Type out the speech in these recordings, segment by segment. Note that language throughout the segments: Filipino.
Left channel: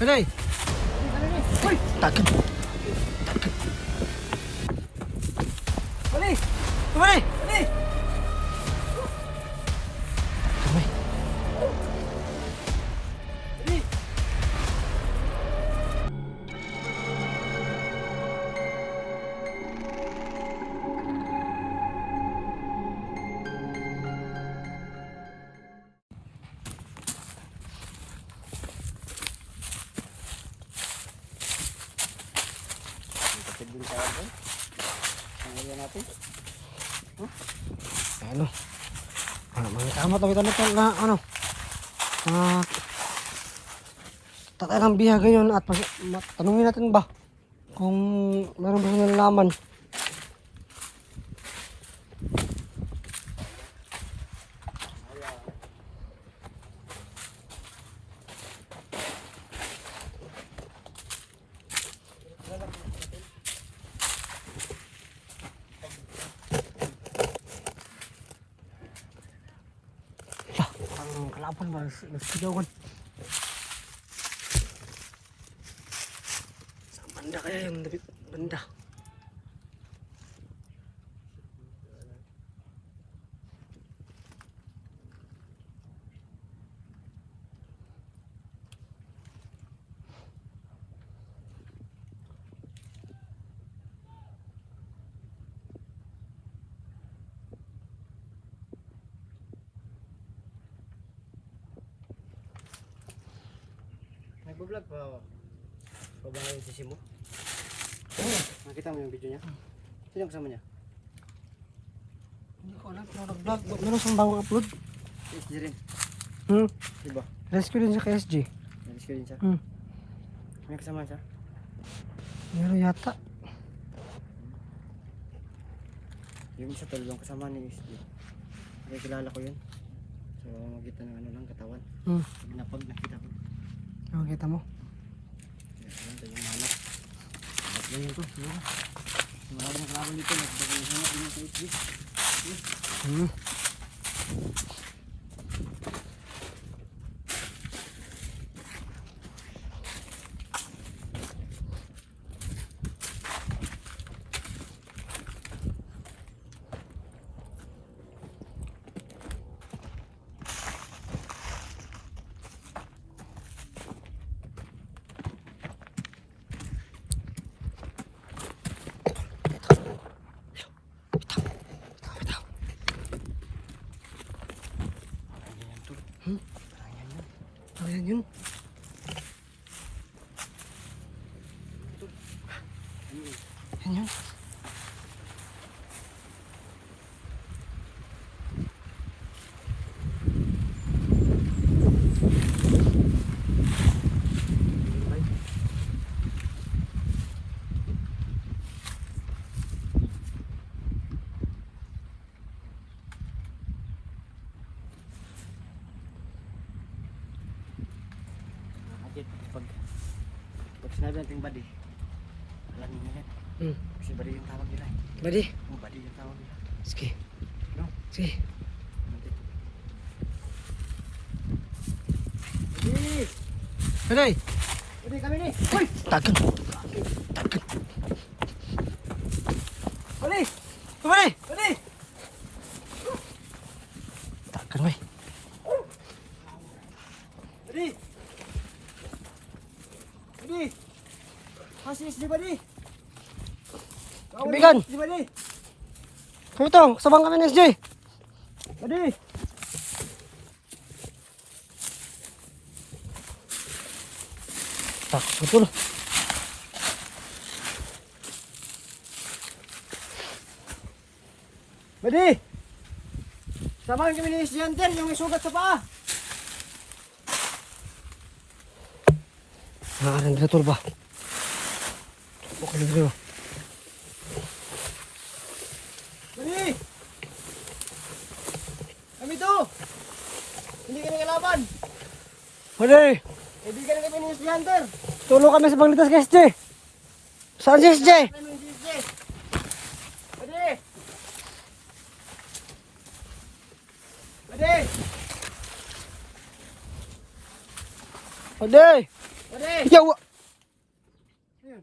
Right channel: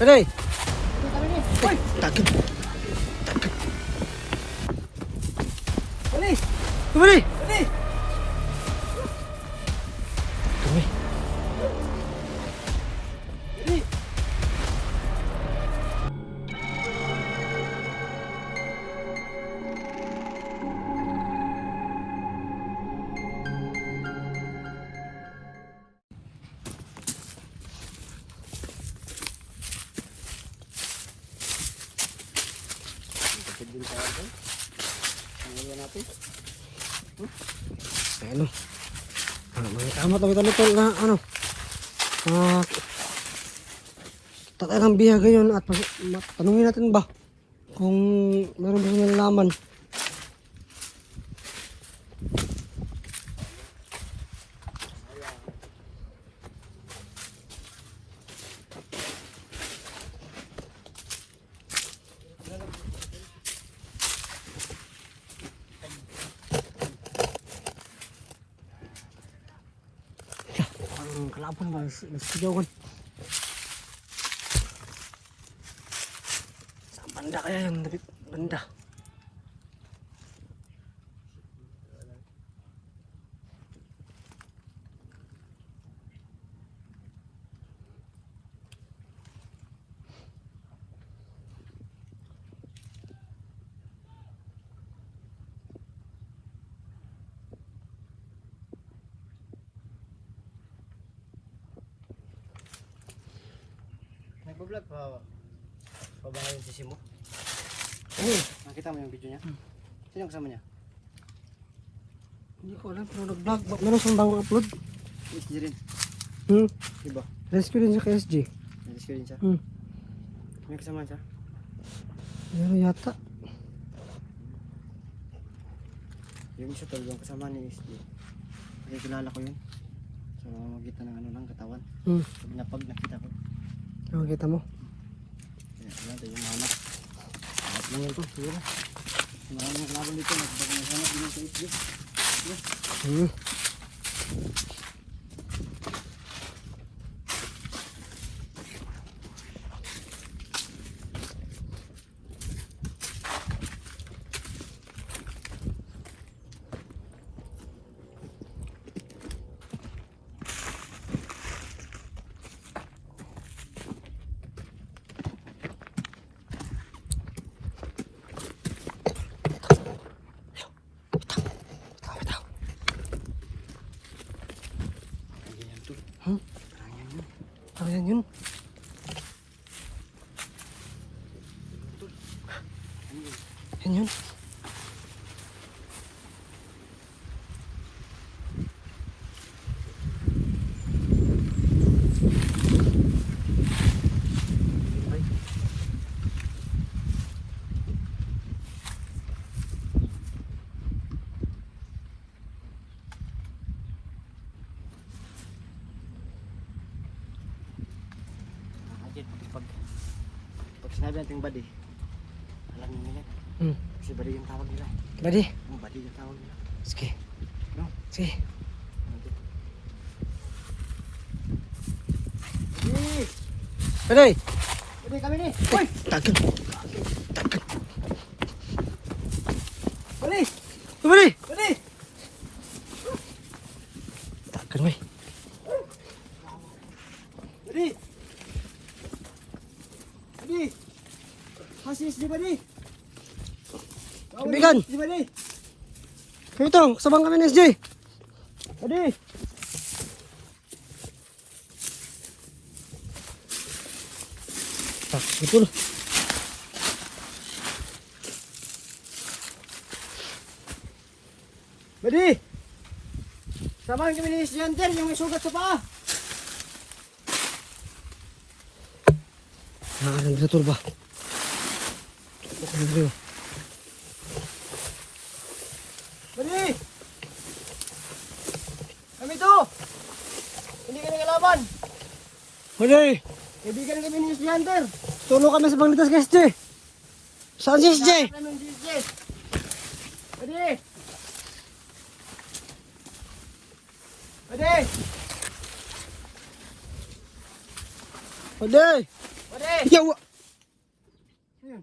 Pwede. Ay, tagan. Bali! Pwede. Bali! Pwede. Bali! Pagkakabili tayo ito. Ang gawin natin. Ano? Mga tama ito na ano? Tatay ng biyahe yun at tanungin natin ba kung meron ba siya nalalaman. Ang kalaban ba? Nasigawan. Sa banda kaya yung banda. Nag-vlog pa. Pabangay yung sisi mo. Oo. Nakita mo yung video niya? Sino kasama niya? Hindi ko alam pero nag-vlog. Meron siyang bagong upload. SG rin. Diba? Rescue din siya kay SG. Nag-rescue din siya. May kasama siya? Meron yata. Yung siya talagang kasama ni SG. Kasi kilala ko yun. So magkita ng ano lang katawan. Pag napag nakita ko. Nakita mo? Kaya wala tayo yung hanap. Hanap lang yan to. Siguro. Maraming kalaban dito. Nagbaga ng hanap din sa SG. Ayan yun. Ayan yun. Pag sinabi natin yung body, alam nyo nila. Kasi body yung tawag nila. Buddy. Body yung tawag nila. Sige. No? Sige. Body! Pwede. Body kami ni! Uy! Tagan. Body! Pwede. Body! Tagan mo. Body! Body! Hasis di Body! Kaibigan! Di Body! Kumito, kasabang kami ng SG. Body! Betul. Body! Samahan kami ni Estudyante yung sugat sa paa! Ang betul ba? Budi. Body! Kami to! Hindi ka nagalaban! Budi. Kaibigan kami ni Estudyante! Tulong kami sa Banglitas kay SG. Saan si SG? Body! Body! Budi. Body! Yawa! Ayun.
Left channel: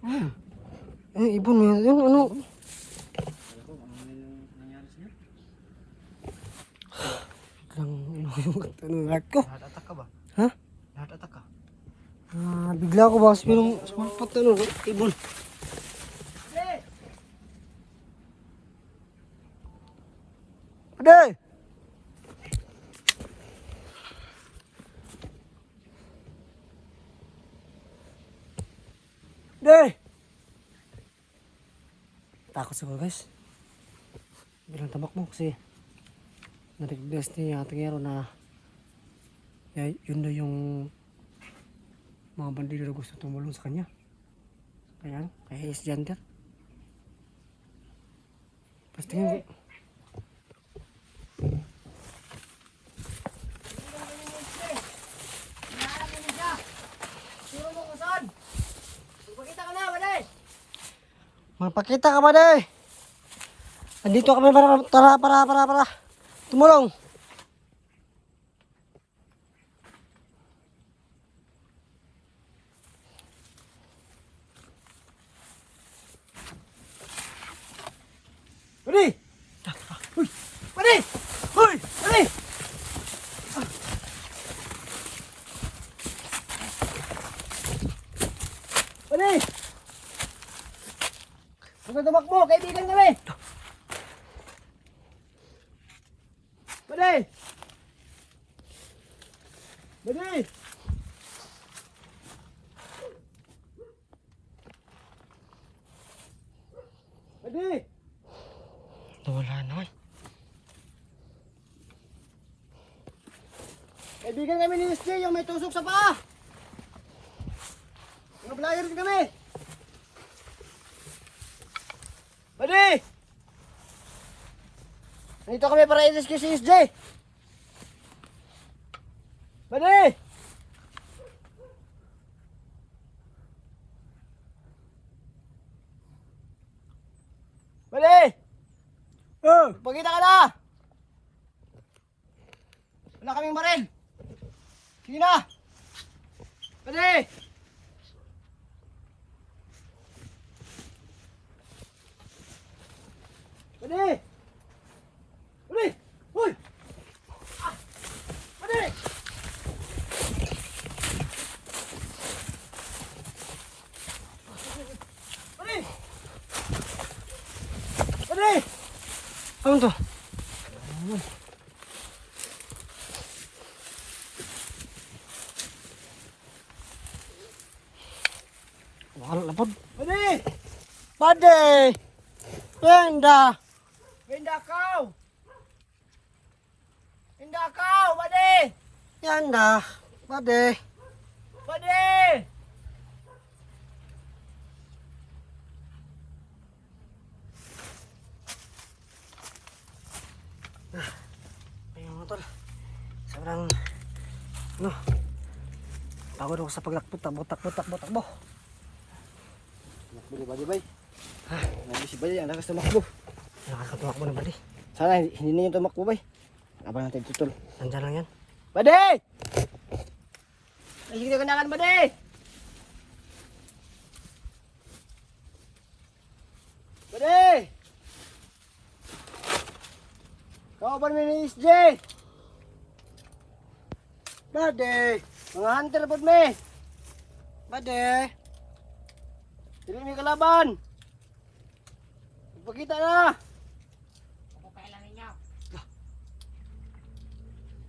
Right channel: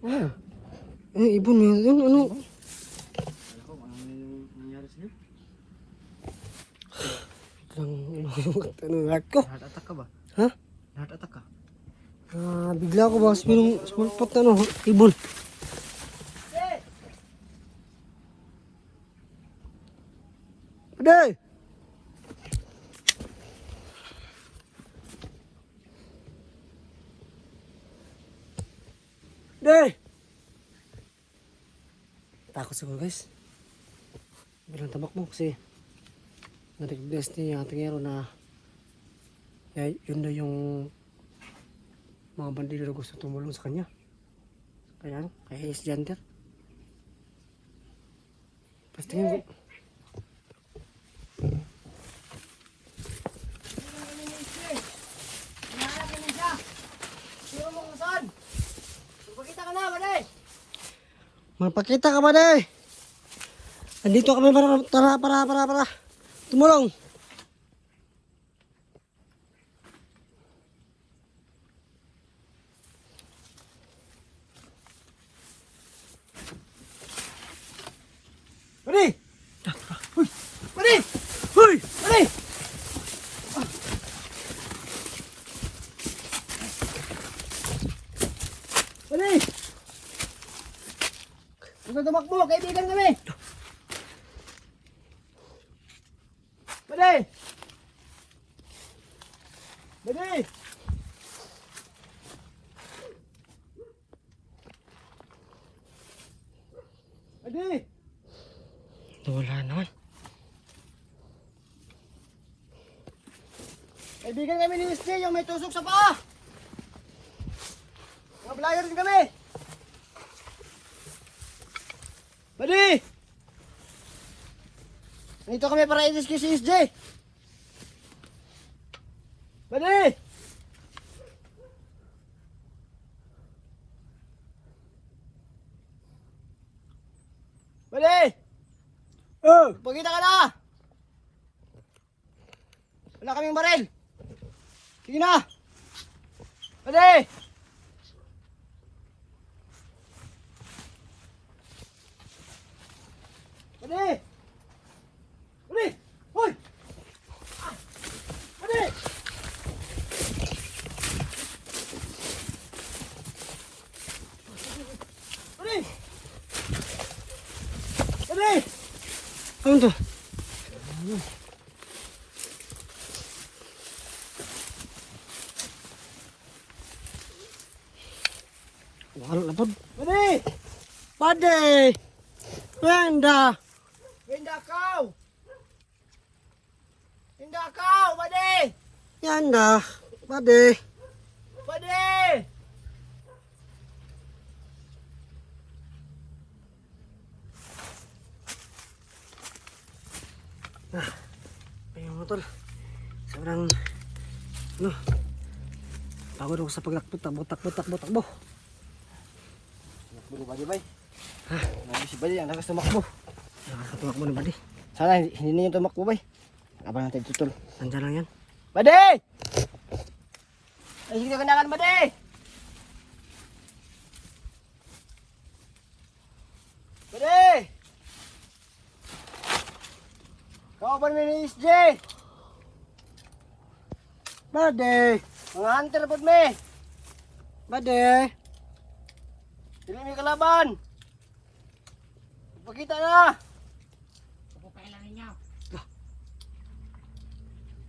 Ano? Ano, ibon mo yun? Ano? Ako, ano yung nangyari sa'yo? Ano, heart ko? Heart attack ka ba? Ha? Heart attack ka? Bigla ako ba? Pero small pot ano, ibon. Aday! Aday! Takot sa mga guys. Bilang tabak mo kasi na-recognize ni Ate Ngero na yun daw yung mga bandido na gusto tumulong sa kanya. Kaya is janitor. Tapos tingin ko. Magpakita ka ba day? Nandito kami para tumulong. Pwede! Uy! Pwede! Uy! Pwede! Pwede! Huwag tumakbo! Kaibigan kami! Pwede! Pwede! Pwede! Wala naman. Kaibigan kami ni SJ, yung may tusok sa paa. Mablayan kami. Pwede! Nandito kami para i-rescue si SJ. Pwede! Pwede! Pagkita ka na! Wala kaming baril! Sige na! Pwede! Pwede! Pwede! Uy! Ah! Pwede! Pwede! Pwede! Ano to? Wala na po. Pwede! Pwede! Pwenda! Pwenda kau! Pwenda kau! Pwede! Yanda! Pwede! Pwede! Ayun mo tol. Sobrang pagod ako sa takbo. Hindi ba di bay? Ha? Hindi si bay, ang lakas tumakbo. Lakas tumakbo ng bali. Sana hindi niyo tumakbo bay. Abang natin tutol. Nandiyan lang yan. Bade! Ay, sige na kanangan bade! Bade! Bawa ni SJ! Bade! Mga hunter po me! Bade! Hindi may kalaban! Ipagkita na! Ako kailangan niya!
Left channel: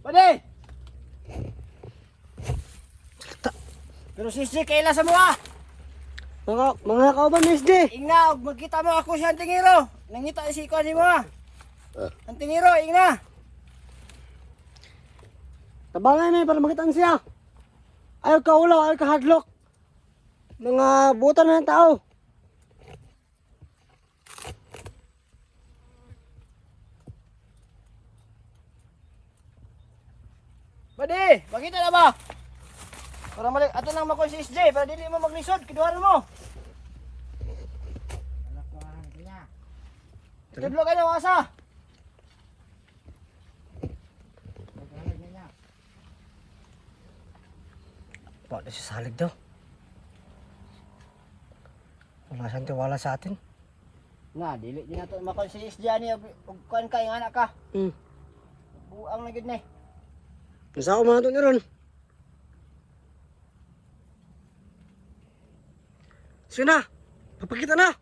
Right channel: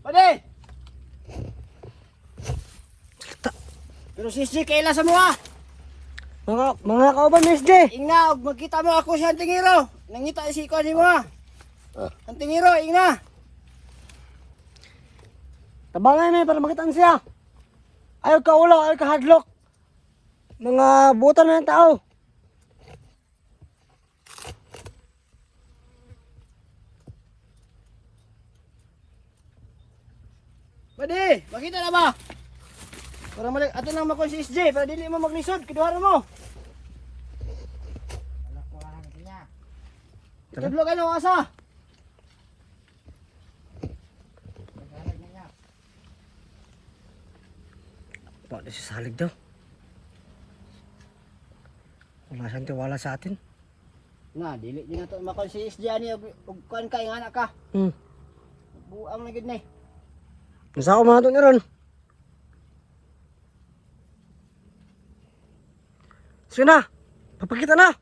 Bade! Pero si SJ, kaila sa mga! Mga kauban ni SJ! Ingna, magkita mo ako si Antingiro! Nangita si Iko ni mga! Antingiro, ingna! Tabangan na para makitaan siya! Ayaw ka ulo, ayaw ka hadlock! Mga buta na yung tao! Pwede! Makita na ba? Para malik, ato lang makon si SJ, para dili mo maglisod, kiduharan mo! Tudlo ka na, wasa! Bakit siya salig daw? Wala siyang tiwala sa atin. Na, dili din nato makon si SJ ani og kuan kay nga anak ka. Buang na gid ni. Nasa ako mga ito niya ron. Sige na, papakita na.